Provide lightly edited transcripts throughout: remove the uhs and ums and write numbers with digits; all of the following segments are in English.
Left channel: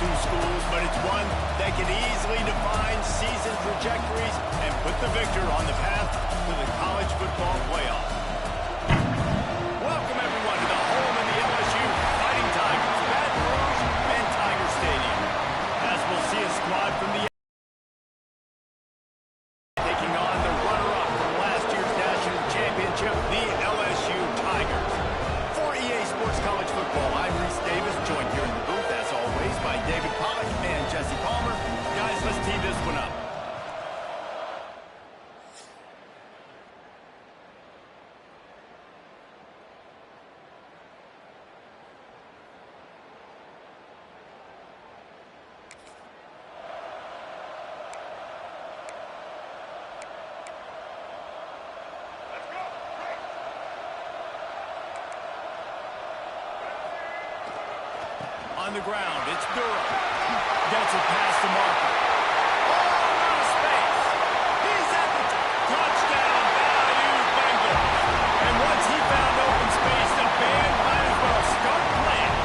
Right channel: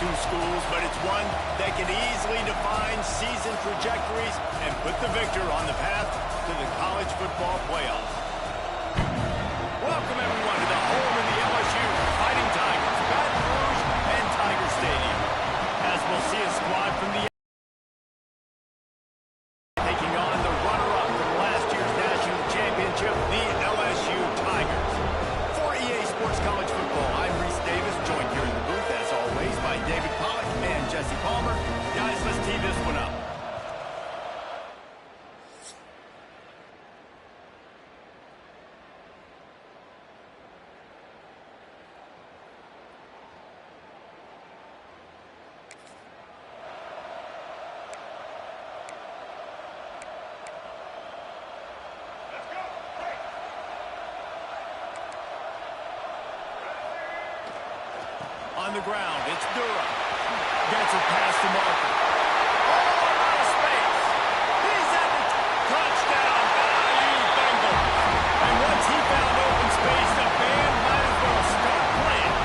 two schools, but it's one that can easily define season trajectories and put the victor on the path to the college football playoff. Welcome, everyone, to the home of the LSU Fighting Tigers, Baton Rouge and Tiger Stadium. As we'll see a squad from the taking on the runner-up from last year's national championship, the LSU Tigers. For EA Sports College Football, I'm Reese Davis, joined here in the booth, as always, by David Pollack and Jesse Palmer. Guys, let's tee this one up. On the ground, it's Durham. Gets it past the marker. Oh, out of space. He's at the touchdown. Bayou Bengals. And once he found open space, the band might as well start playing.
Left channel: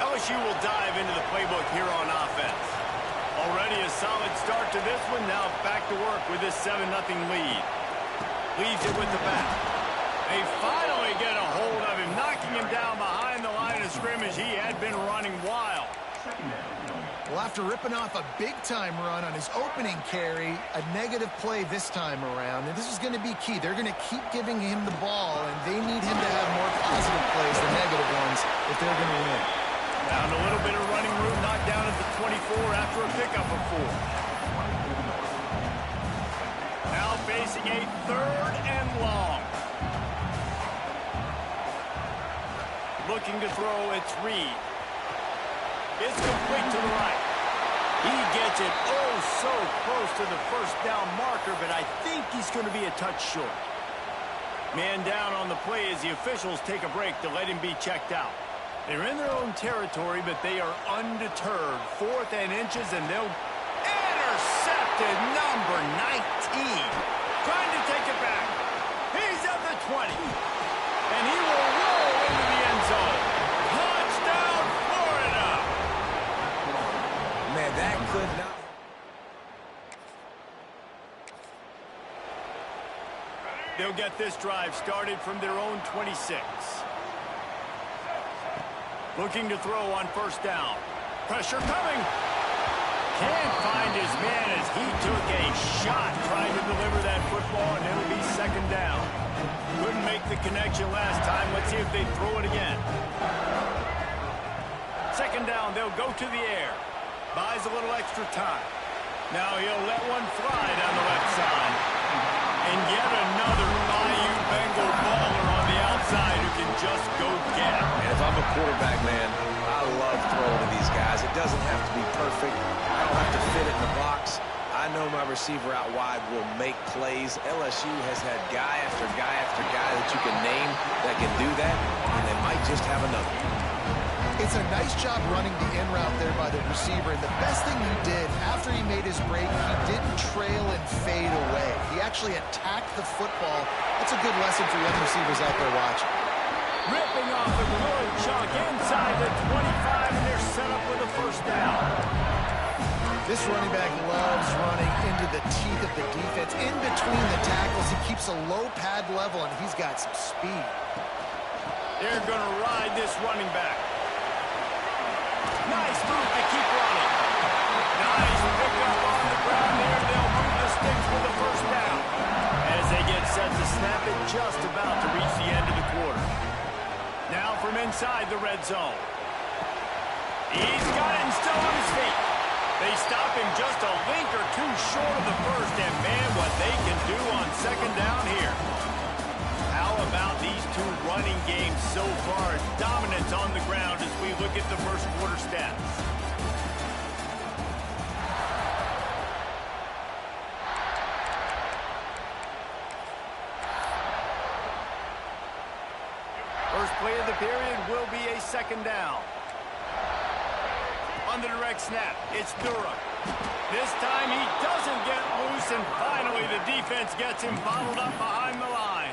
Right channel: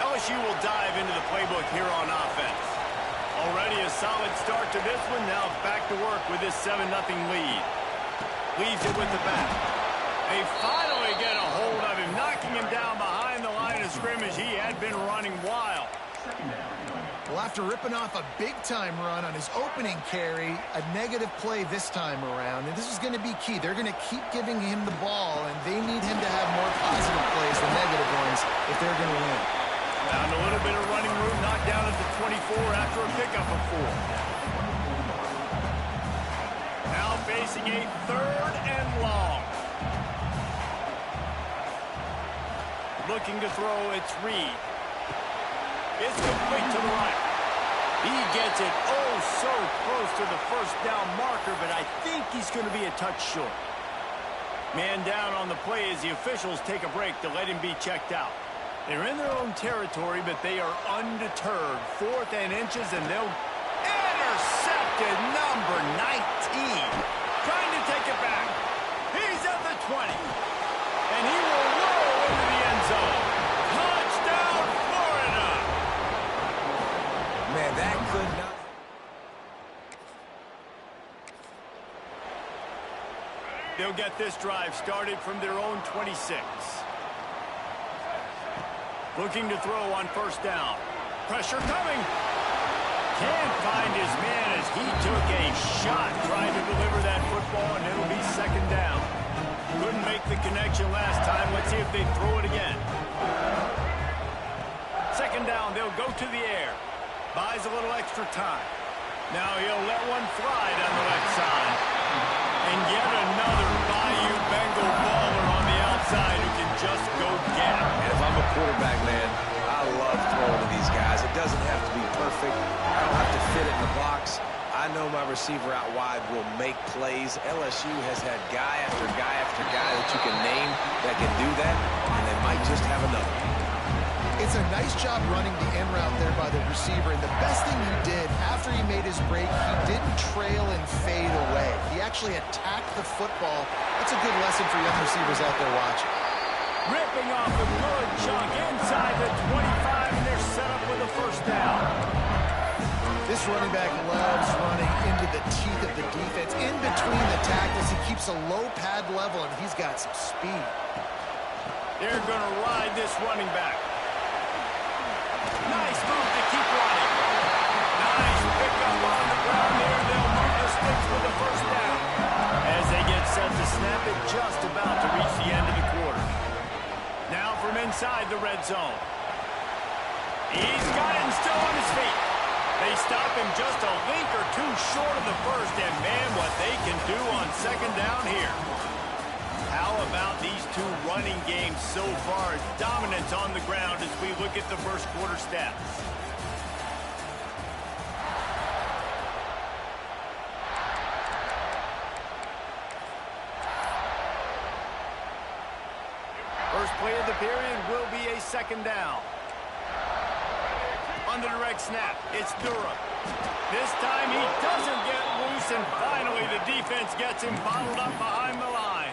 LSU will dive into the playbook here on offense. Already a solid start to this one. Now back to work with this 7-0 lead. Leaves it with the back. They finally get a hold of him, knocking him down behind the line of scrimmage. He had been running wild. Well, after ripping off a big-time run on his opening carry, a negative play this time around, and this is going to be key. They're going to keep giving him the ball, and they need him to have more positive plays than negative ones if they're going to win. Found a little bit of running room, knocked down at the 24 after a pickup of 4. Now facing a 3rd and long. Looking to throw, it's Reed. It's complete to the right. He gets it oh so close to the first down marker, but I think he's going to be a touch short. Man down on the play as the officials take a break to let him be checked out. They're in their own territory, but they are undeterred. 4th and inches, and they'll intercepted number 19. Trying to take it back. He's at the 20. And he will roll into the end zone. Touchdown, Florida. Man, that could not. They'll get this drive started from their own 26. Looking to throw on 1st down. Pressure coming. Can't find his man as he took a shot trying to deliver that football, and it'll be 2nd down. Couldn't make the connection last time. Let's see if they throw it again. 2nd down, they'll go to the air. Buys a little extra time. Now he'll let one fly down the left side. And yet another Bayou Bengal baller on the outside who can just go get it. And if I'm a quarterback, man, I love throwing to these guys. It doesn't have to be perfect. I don't have to fit it in the box. I know my receiver out wide will make plays. LSU has had guy after guy after guy that you can name that can do that, and they might just have another. It's a nice job running the in route there by the receiver, and the best thing he did after he made his break, he didn't trail and fade away. He actually attacked the football. That's a good lesson for young receivers out there watching. Ripping off a good chunk inside the 25, and they're set up with a 1st down. This running back loves running into the teeth of the defense. In between the tackles, he keeps a low pad level, and he's got some speed. They're going to ride this running back. Nice move to keep running. Nice pickup on the ground there. They'll move the sticks with the 1st down. As they get set to snap it, just about to reach the end of the quarter. Now from inside the red zone. He's got it and still on his feet. They stop him just a link or two short of the 1st, and man, what they can do on 2nd down here. How about these two running games so far? Dominance on the ground as we look at the 1st quarter stats. First play of the period will be a second down. On the direct snap, it's Durham. This time he doesn't get loose, and finally the defense gets him bottled up behind the line.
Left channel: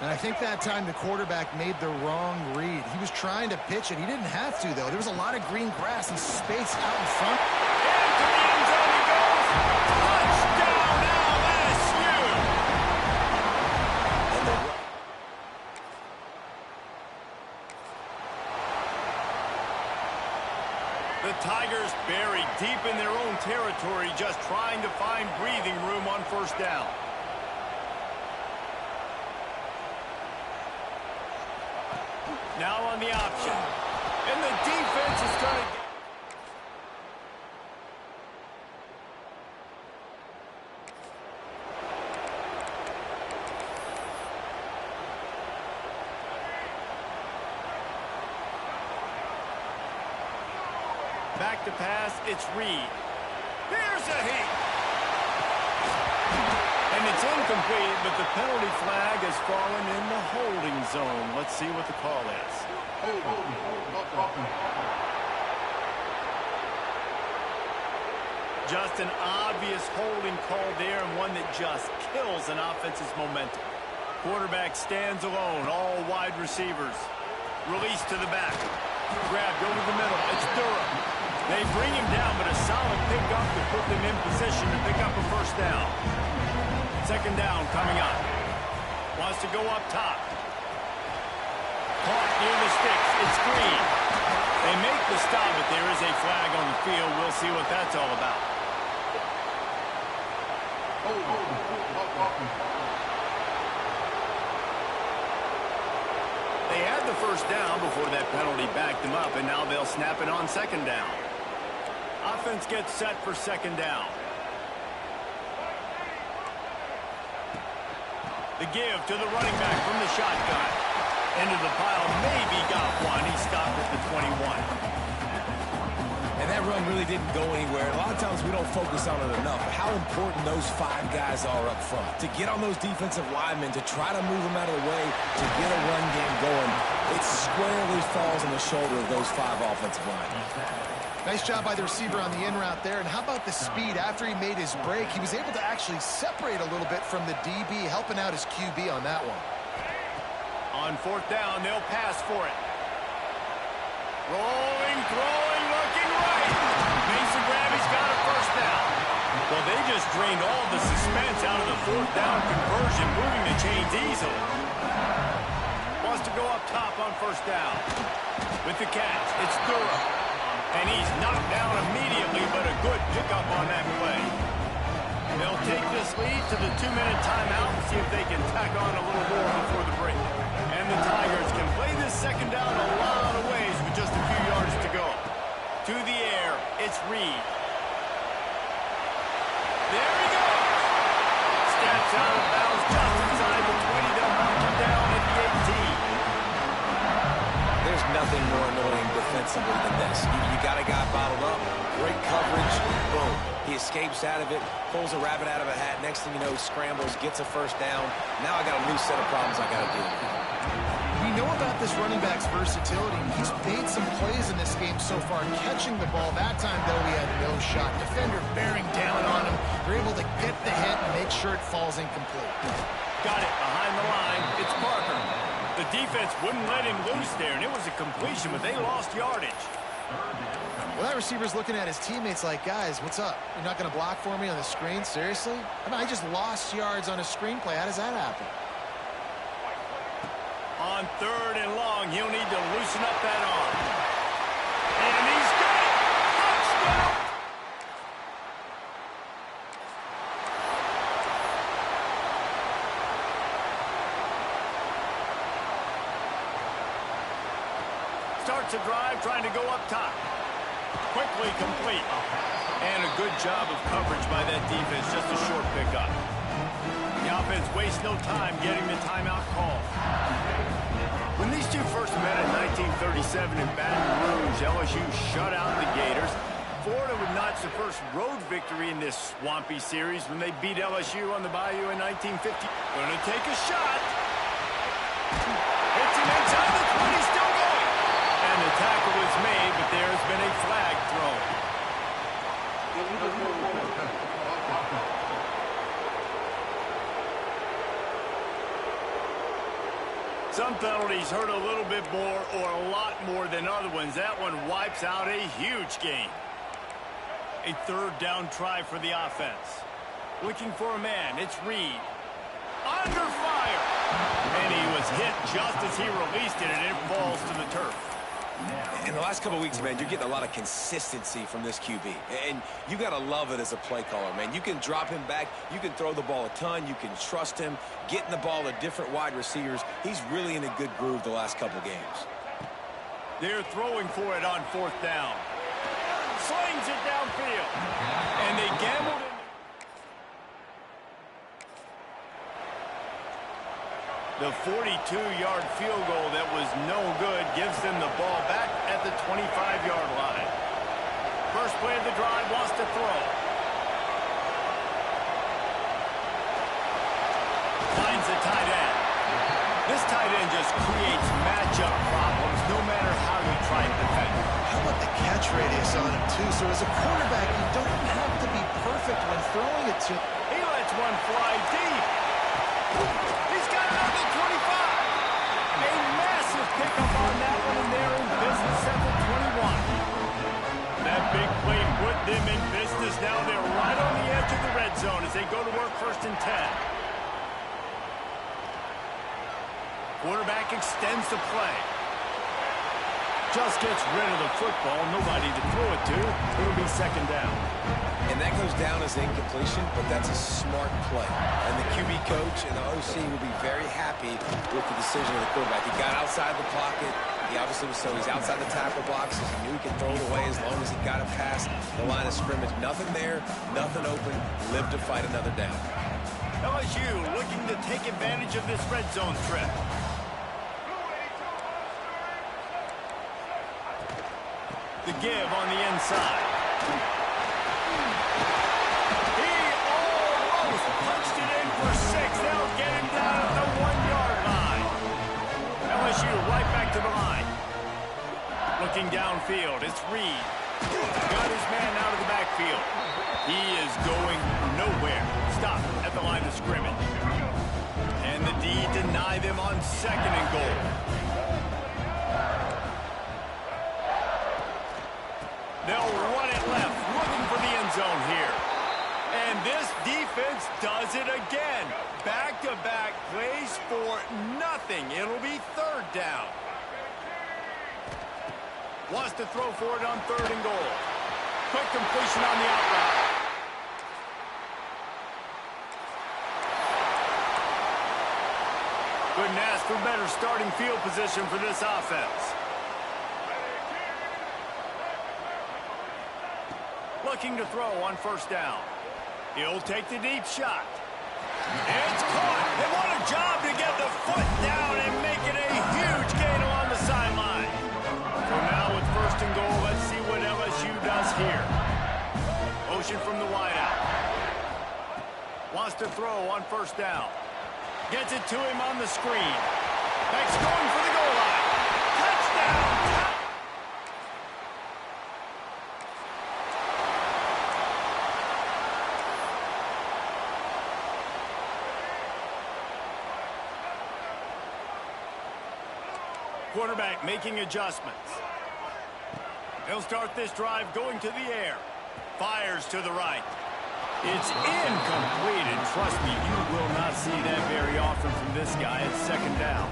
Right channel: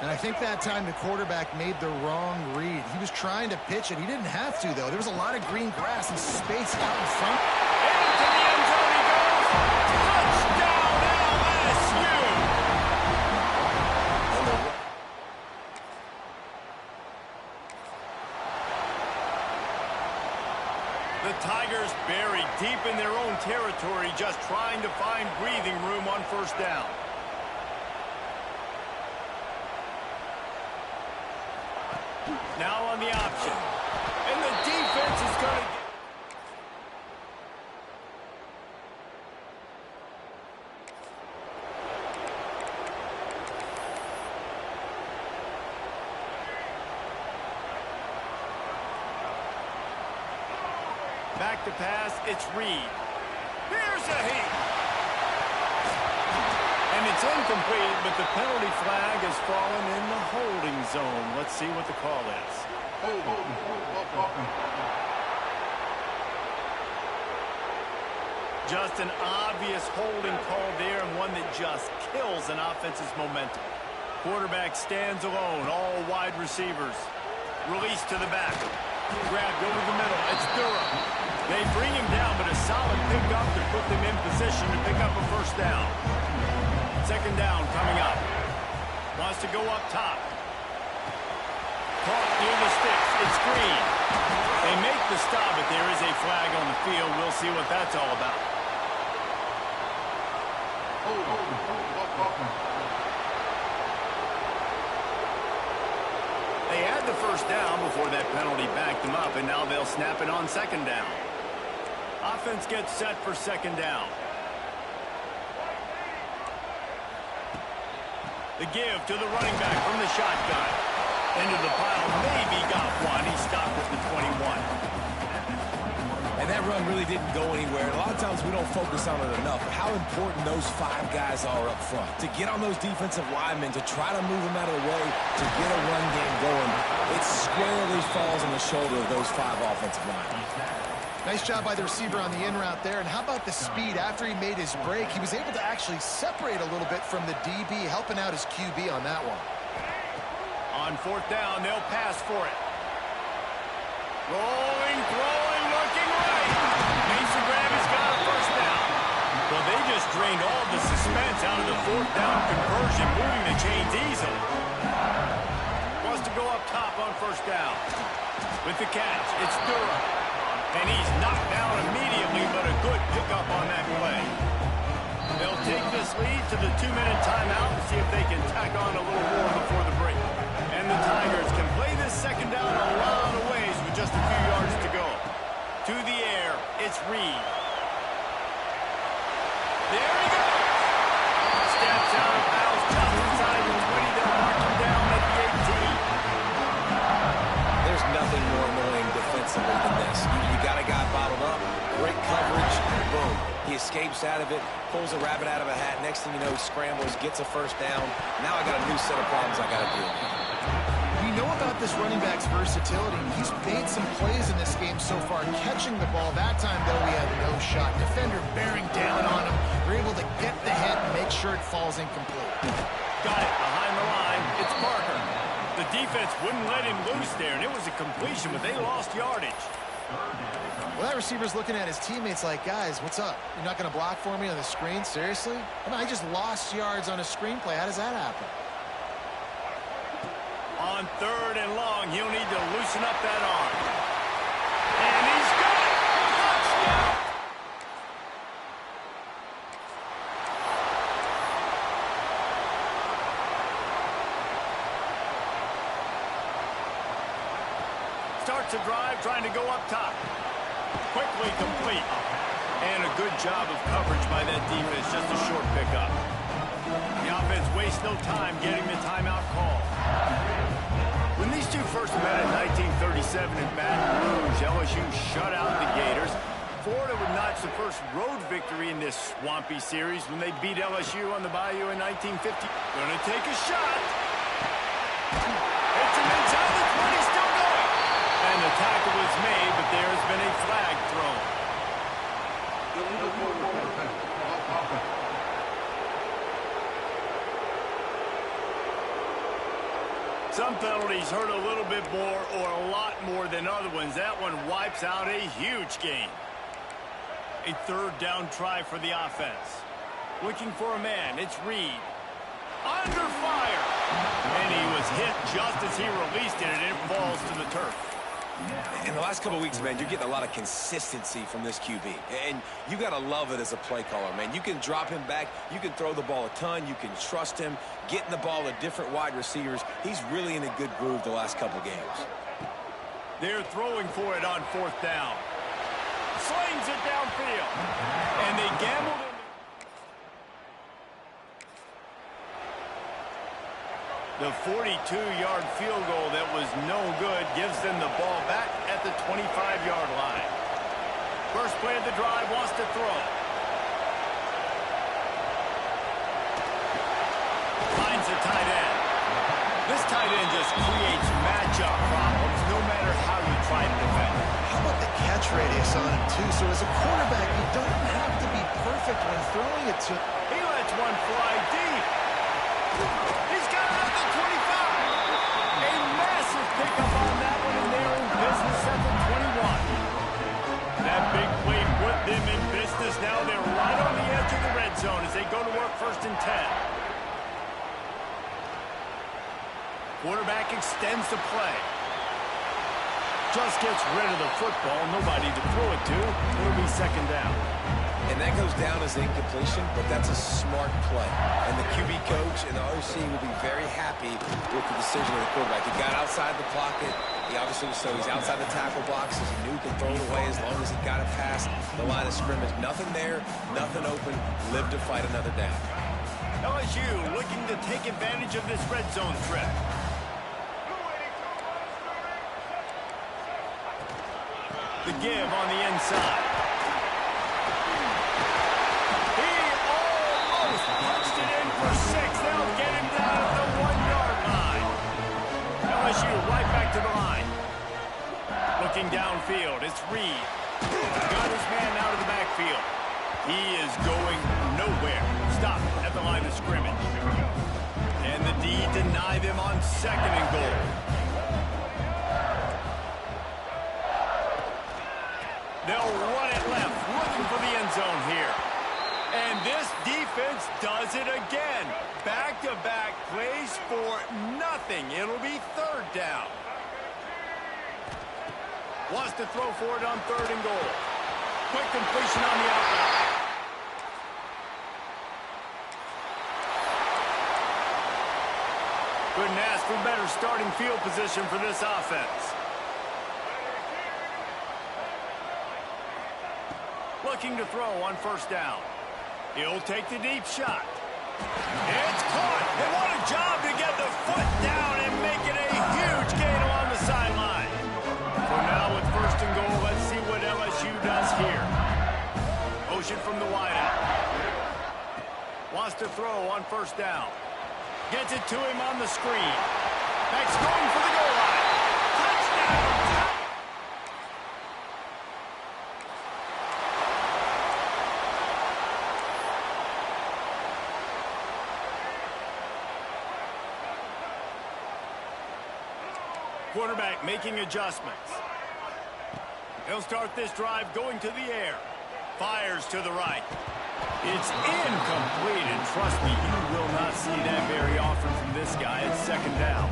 And I think that time the quarterback made the wrong read. He was trying to pitch it. He didn't have to, though. There was a lot of green grass and space out in front. Into the end zone he goes. Touchdown, LSU! And the Tigers buried deep in their own territory, just trying to find breathing room on first down. Now on the option. And the defense is going to get... Back to pass, it's Reed. Here's a heat. And it's incomplete, but the penalty flag has fallen in the holding zone. Let's see what the call is. Just an obvious holding call there, and one that just kills an offense's momentum. Quarterback stands alone, all wide receivers. Release to the back. Grabbed over the middle. It's Durham. They bring him down, but a solid pickup to put them in position to pick up a first down. Second down coming up. Wants to go up top. Caught near the sticks. It's Green. They make the stop, but there is a flag on the field. We'll see what that's all about. They had the first down before that penalty backed them up, and now they'll snap it on second down. Offense gets set for second down. The give to the running back from the shotgun. Into the pile, maybe got one. He stopped at the 21. And that run really didn't go anywhere. And a lot of times we don't focus on it enough, but how important those five guys are up front. To get on those defensive linemen, to try to move them out of the way, to get a run game going, it squarely falls on the shoulder of those five offensive linemen. Nice job by the receiver on the in route there. And how about the speed after he made his break? He was able to actually separate a little bit from the DB, helping out his QB on that one. On fourth down, they'll pass for it. Rolling, throwing, looking right. Makes the grab, he's got a first down. Well, they just drained all the suspense out of the fourth down conversion, moving the chains easily. Wants to go up top on first down. With the catch, it's Durham. And he's knocked down immediately, but a good pickup on that play. They'll take this lead to the 2-minute timeout and see if they can tack on a little more before the break. And the Tigers can play this second down a lot of ways with just a few yards to go. To the air, it's Reed. There he goes. Steps out of bounds just inside the 20. They'll mark him down at the 18. There's nothing more annoying defensively than this. You got a guy bottled up, great coverage, boom. He escapes out of it, pulls a rabbit out of a hat. Next thing you know, scrambles, gets a first down. Now I got a new set of problems I got to deal with. We know about this running back's versatility. He's made some plays in this game so far, catching the ball. That time, though, he had no shot. Defender bearing down on him. They're able to get the hit and make sure it falls incomplete. Got it behind the line. It's Parker. The defense wouldn't let him loose there, and it was a completion, but they lost yardage. Well, that receiver's looking at his teammates like, guys, what's up? You're not going to block for me on the screen? Seriously? I mean, I just lost yards on a screenplay. How does that happen? On third and long, he'll need to loosen up that arm. And he's got it! Touchdown! Starts a drive, trying to go up top. Quickly complete. And a good job of coverage by that defense, just a short pickup. The offense wastes no time getting the timeout call. When these two first met in 1937 in Baton Rouge, LSU shut out the Gators. Florida would notch the first road victory in this swampy series when they beat LSU on the Bayou in 1950. Gonna take a shot. him inside the 20, still going. And the tackle was made, but there has been a flag thrown. Some penalties hurt a little bit more or a lot more than other ones. That one wipes out a huge gain. A third down try for the offense. Looking for a man. It's Reed. Under fire. And he was hit just as he released it, and it falls to the turf. In the last couple of weeks, man, you're getting a lot of consistency from this QB. And you got to love it as a play caller, man. You can drop him back. You can throw the ball a ton. You can trust him. Getting the ball to different wide receivers. He's really in a good groove the last couple games. They're throwing for it on fourth down. Slings it downfield. And they gambled in. The 42-yard field goal that was no good gives them the ball back at the 25-yard line. First play of the drive, wants to throw. Finds the tight end. This tight end just creates matchup problems no matter how you try to defend it. How about the catch radius on him, too? So as a quarterback, you don't have to be perfect when throwing it to him. He lets one fly deep. He's got it at the 25. A massive pickup on that one, and they're in business at the 21. That big play put them in business. Now they're right on the edge of the red zone as they go to work first and 10. Quarterback extends the play. Just gets rid of the football. Nobody to throw it to. It'll be second down. And that goes down as incompletion, but that's a smart play. And the QB coach and the OC will be very happy with the decision of the quarterback. He got outside the pocket. He obviously was so he's outside the tackle box, as he knew he could throw it away as long as he got it past the line of scrimmage. Nothing there, nothing open. Live to fight another down. LSU looking to take advantage of this red zone trip. The give on the inside. He almost punched it in for 6. They'll get him down at the 1-yard line. LSU right back to the line. Looking downfield, it's Reed. Got his man out of the backfield. He is going nowhere. Stop at the line of scrimmage. And the D deny them on second and goal. They'll run it left, looking for the end zone here. And this defense does it again. Back-to-back plays for nothing. It'll be third down. Wants to throw for it on third and goal. Quick completion on the out route. Couldn't ask for better starting field position for this offense. Looking to throw on first down. He'll take the deep shot. It's caught. And what a job to get the foot down and make it a huge gain along the sideline. So now with first and goal, let's see what LSU does here. Motion from the wideout. Wants to throw on first down. Gets it to him on the screen. Next going for the goal line. Touchdown! Quarterback making adjustments. He'll start this drive going to the air. Fires to the right. It's incomplete, and trust me, you will not see that very often from this guy. It's second down.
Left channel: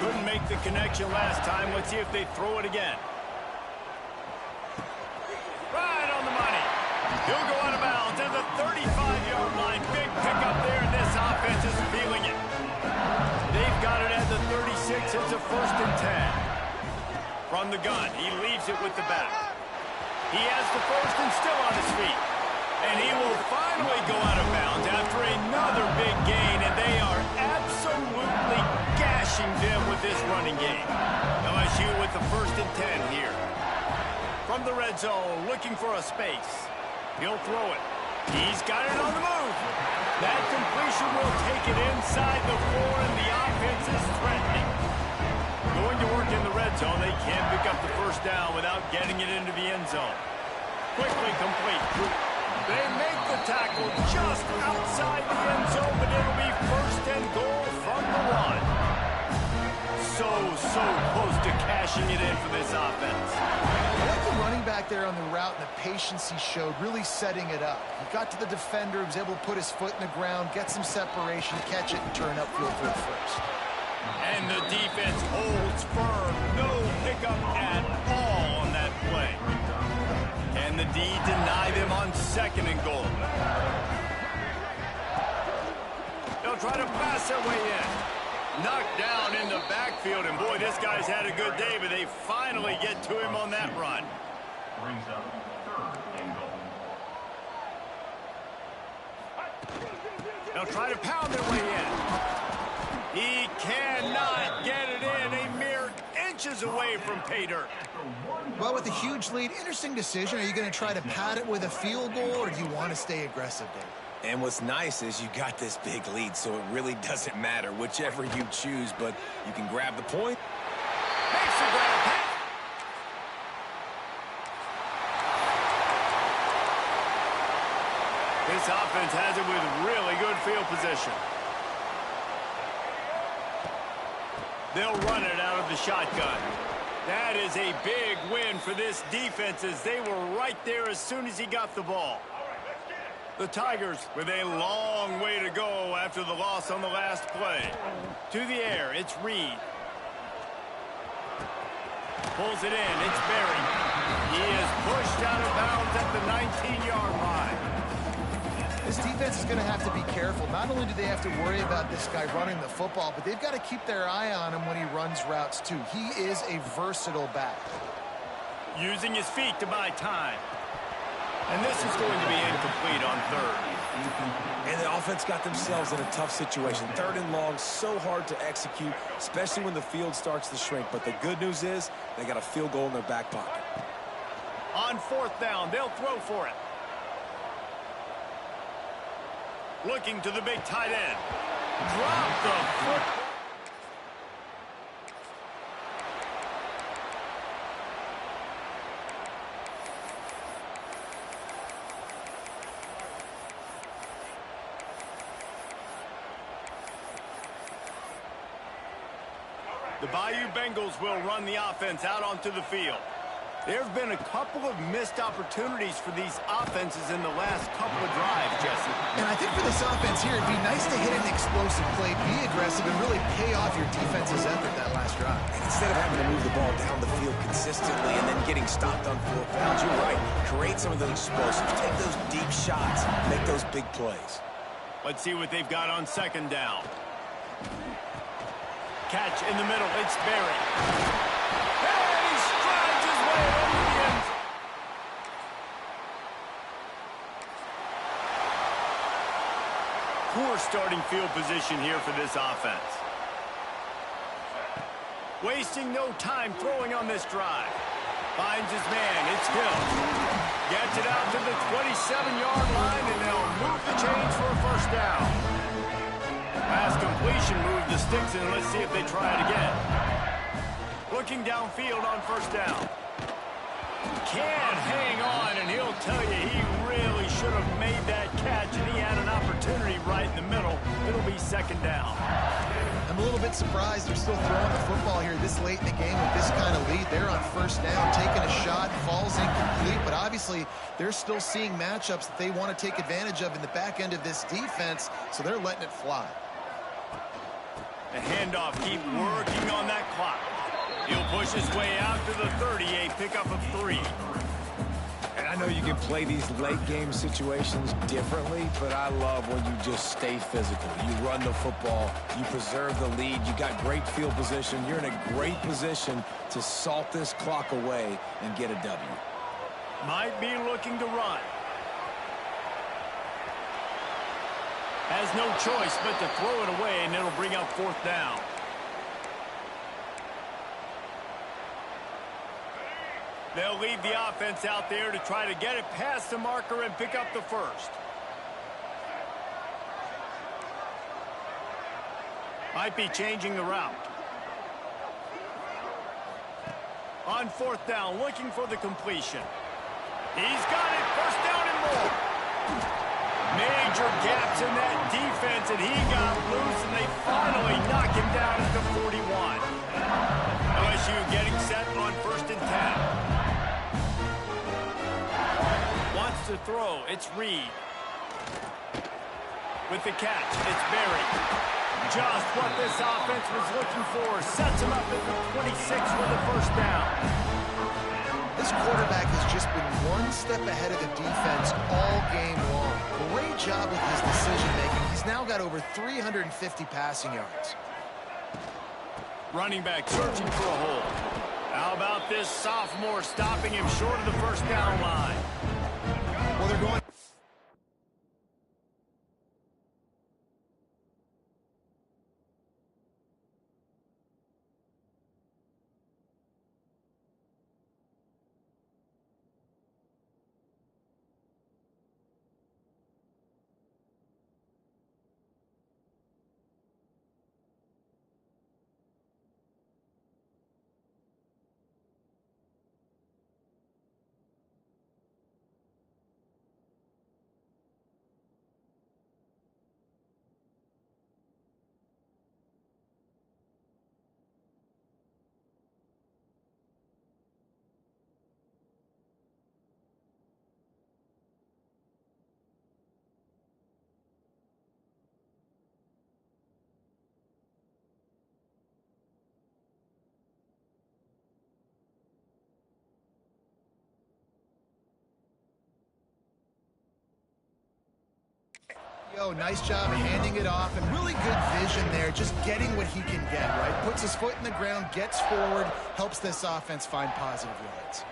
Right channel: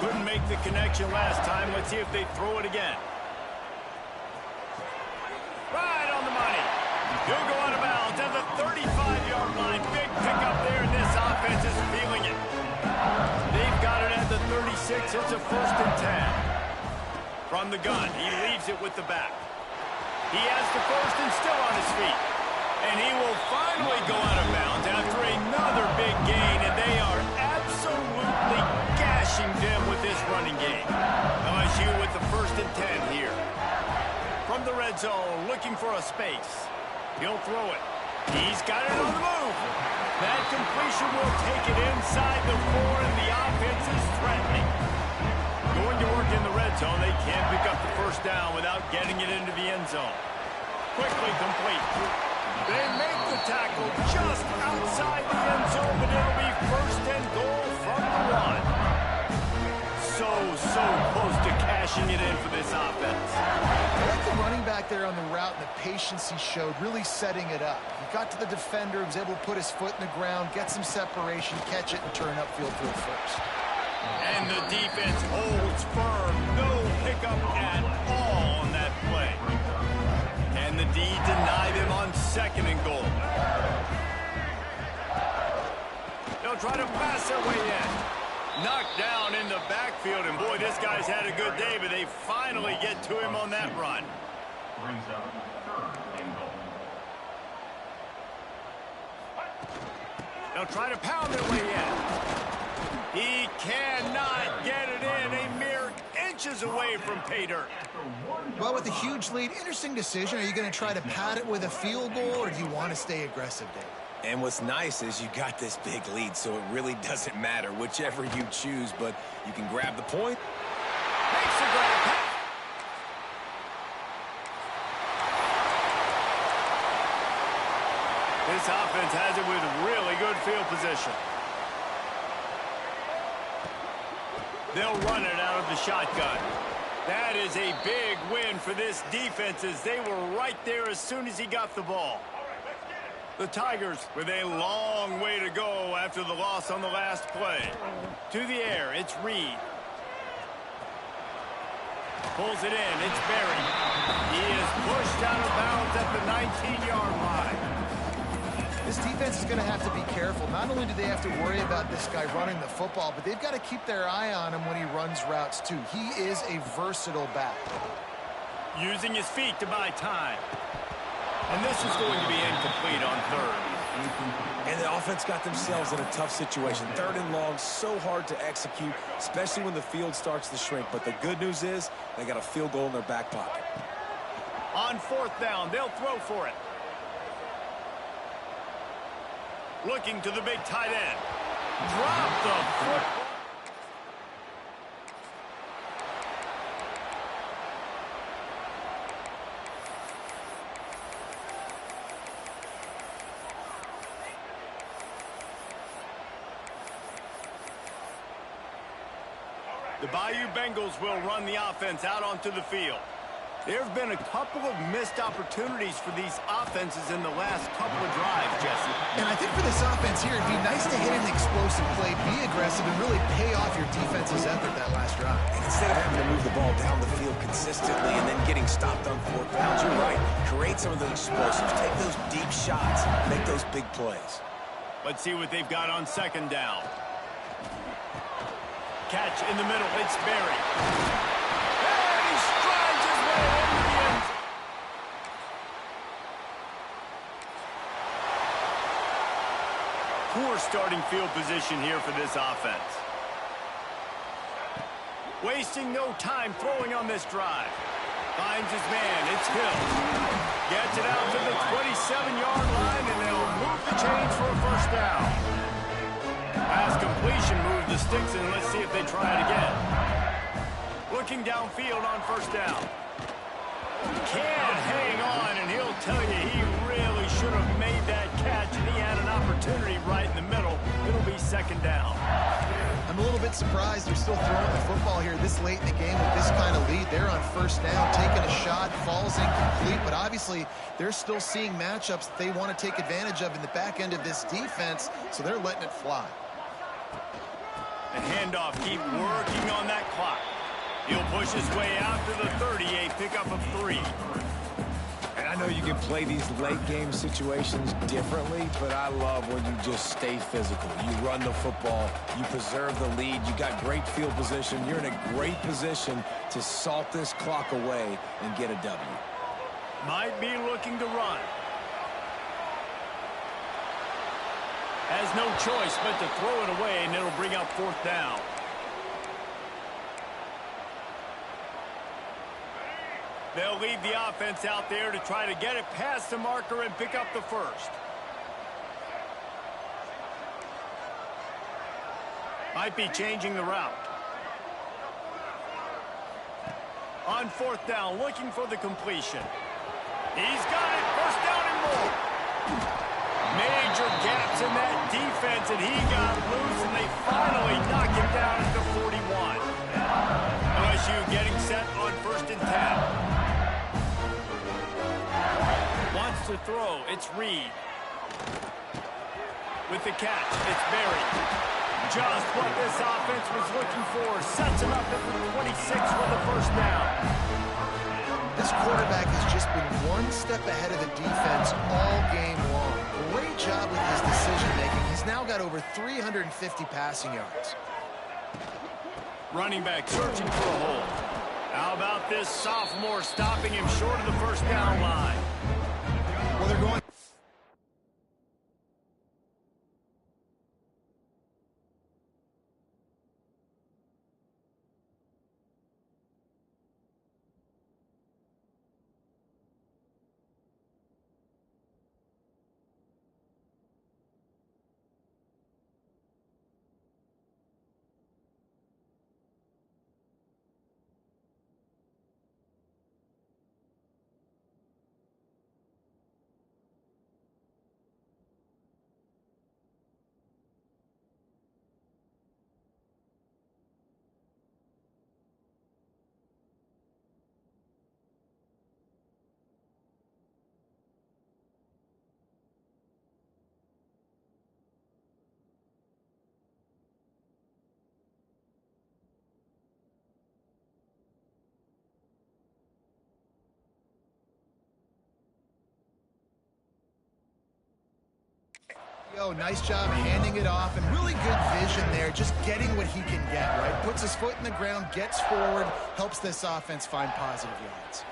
Couldn't make the connection last time. Let's see if they throw it again. Right on the money. He'll go out of bounds at the 35-yard line. Big pickup there, and this offense is feeling it. They've got it at the 36. It's a first and 10. From the gun, he leaves it with the back. He has the first and still on his feet. And he will finally go out of bounds after another big gain, and they are absolutely gashing them with this running game. LSU with the first and 10 here. From the red zone, looking for a space. He'll throw it. He's got it on the move. That completion will take it inside the 4, and the offense is threatening. Going to work in the red zone. They can't pick up the first down without getting it into the end zone. Quickly complete. They make the tackle just outside the end zone, but it'll be first and goal from the 1. So close to cashing it in for this offense. I like the running back there on the route and the patience he showed, really setting it up. He got to the defender, was able to put his foot in the ground, get some separation, catch it, and turn upfield for the first. And the defense holds firm. No pickup at all on that play. Can the D deny them on 2nd and goal? They'll try to pass their way in. Knocked down in the backfield, and boy, this guy's had a good day, but they finally get to him on that run. Brings up 3rd and goal. They'll try to pound their way in. He cannot get it in. A mere inches away from pay dirt. Well, with a huge lead, interesting decision. Are you going to try to pad it with a field goal, or do you want to stay aggressive, Dave? And what's nice is you got this big lead, so it really doesn't matter whichever you choose, but you can grab the point. Makes the grab pass. This offense has it with really good field position. They'll run it out of the shotgun. That is a big win for this defense, as they were right there as soon as he got the ball. The Tigers with a long way to go after the loss on the last play. To the air, it's Reed. Pulls it in, it's Berry. He is pushed out of bounds at the 19-yard line. This defense is going to have to be careful. Not only do they have to worry about this guy running the football, but they've got to keep their eye on him when he runs routes, too. He is a versatile back. Using his feet to buy time. And this is going to be incomplete on 3rd. And the offense got themselves in a tough situation. 3rd and long, so hard to execute, especially when the field starts to shrink. But the good news is they got a field goal in their back pocket. On 4th down, they'll throw for it. Looking to the big tight end. Drop the football. The Bayou Bengals will run the offense out onto the field. There have been a couple of missed opportunities for these offenses in the last couple of drives, Jesse. And I think for this offense here, it'd be nice to hit an explosive play, be aggressive, and really pay off your defense's effort that last drive. And instead of having to move the ball down the field consistently and then getting stopped on 4th downs, you're right. Create some of those explosives. Take those deep shots. Make those big plays. Let's see what they've got on 2nd down. Catch in the middle. It's Berry. And he strides his way into the end zone. Poor starting field position here for this offense. Wasting no time throwing on this drive. Finds his man. It's Hill. Gets it out to the 27-yard line, and they'll move the chains for a first down. Last completion moved the sticks, and let's see if they try it again. Looking downfield on 1st down. Can't hang on, and he'll tell you he really should have made that catch, and he had an opportunity right in the middle. It'll be 2nd down. I'm a little bit surprised they're still throwing the football here this late in the game with this kind of lead. They're on 1st down, taking a shot, falls incomplete, but obviously they're still seeing matchups that they want to take advantage of in the back end of this defense, so they're letting it fly. The handoff, keep working on that clock. He'll push his way out to the 30, a pickup of 3. And I know you can play these late game situations differently, but I love when you just stay physical. You run the football, you preserve the lead, you got great field position, you're in a great position to salt this clock away and get a W. Might be looking to run. Has no choice but to throw it away, and it'll bring up 4th down. They'll leave the offense out there to try to get it past the marker and pick up the first. Might be changing the route. On fourth down, looking for the completion. He's got it. First down and more. Major gaps in that defense, and he got loose, and they finally knock him down at the 41. LSU getting set on 1st and 10. Wants to throw. It's Reed. With the catch, it's Berry. Just what this offense was looking for. Sets him up at the 26 for the first down. This quarterback has just been one step ahead of the defense all game long. Great job with his decision-making. He's now got over 350 passing yards. Running back searching for a hole. How about this sophomore stopping him short of the first down line? Well, they're going... Yo, nice job handing it off, and really good vision there, just getting what he can get, right? Puts his foot in the ground, gets forward, helps this offense find positive yards.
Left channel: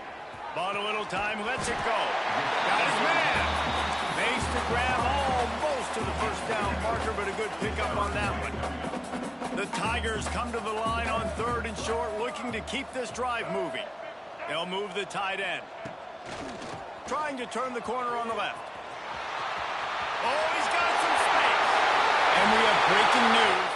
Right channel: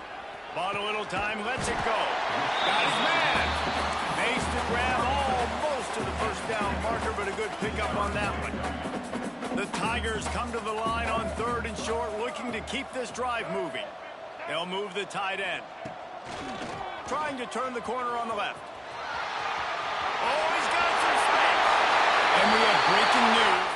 Bought a little time, lets it go. Got his man. Makes the grab almost to the first down marker, but a good pickup on that one. The Tigers come to the line on 3rd and short, looking to keep this drive moving. They'll move the tight end. Trying to turn the corner on the left. Oh, he's got some space. And we have breaking news.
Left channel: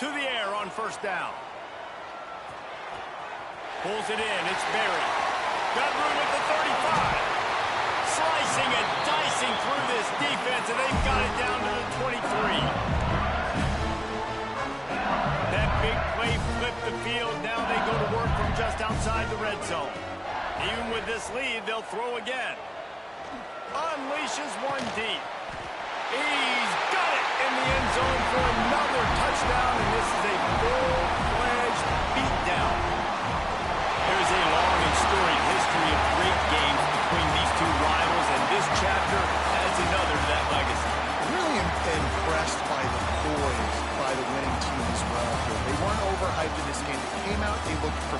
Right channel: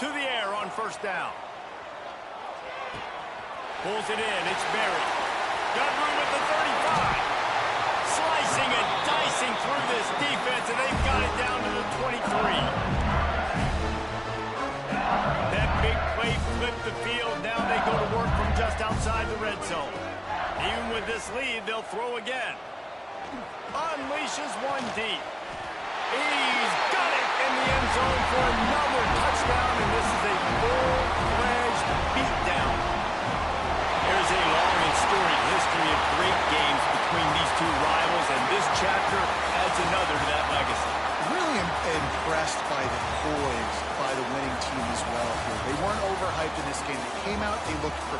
To the air on first down. Pulls it in. It's Berry. Got room at the 35. Slicing and dicing through this defense, and they've got it down to the 23. That big play flipped the field. Now they go to work from just outside the red zone. Even with this lead, they'll throw again. Unleashes one deep. He's got it in the end zone for another touchdown, and this is a full-fledged beatdown. There's a long and storied history of great games between these two rivals, and this chapter adds another to that legacy. Really impressed by the poise by the winning team as well here. They weren't overhyped in this game. They came out, they looked prepared.